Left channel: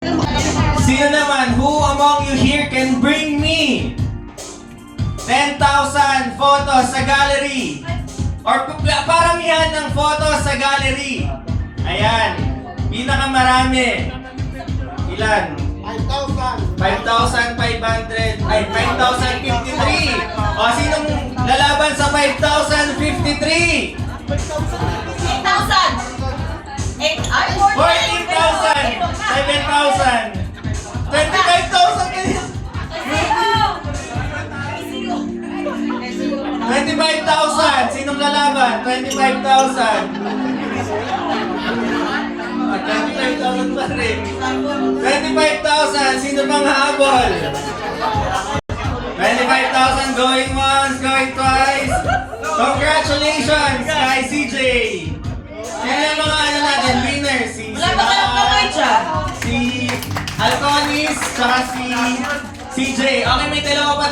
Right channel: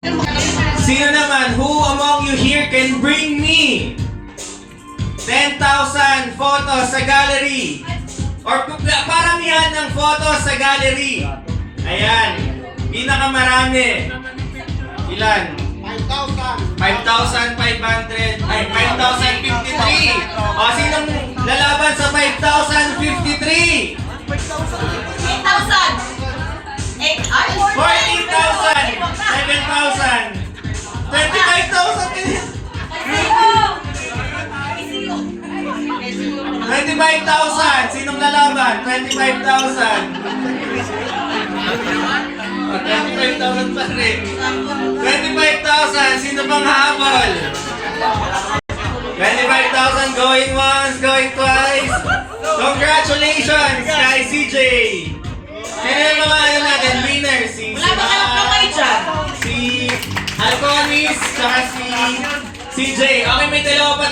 Sino naman, who among you here can bring me 10,000 photos sa gallery? Or paramihan ng photos sa gallery. Ayan. Pinakamarami. Ilan? 5,500. Ay, 5,053. O, sinong lalaban sa 5,053? 8,000! 14,000. 7,000. 25,000. 25,000. Sinong lalaban? 25,000. 25,000 pa rin. 25,000. Sino bang habol? 25,000 going once, going twice. Congratulations kay CJ. Sino yung mga ano natin? Winner. Si Wala ba kayong kamay dyan? si Alconis, saka si CJ. Okay, may dalawa pa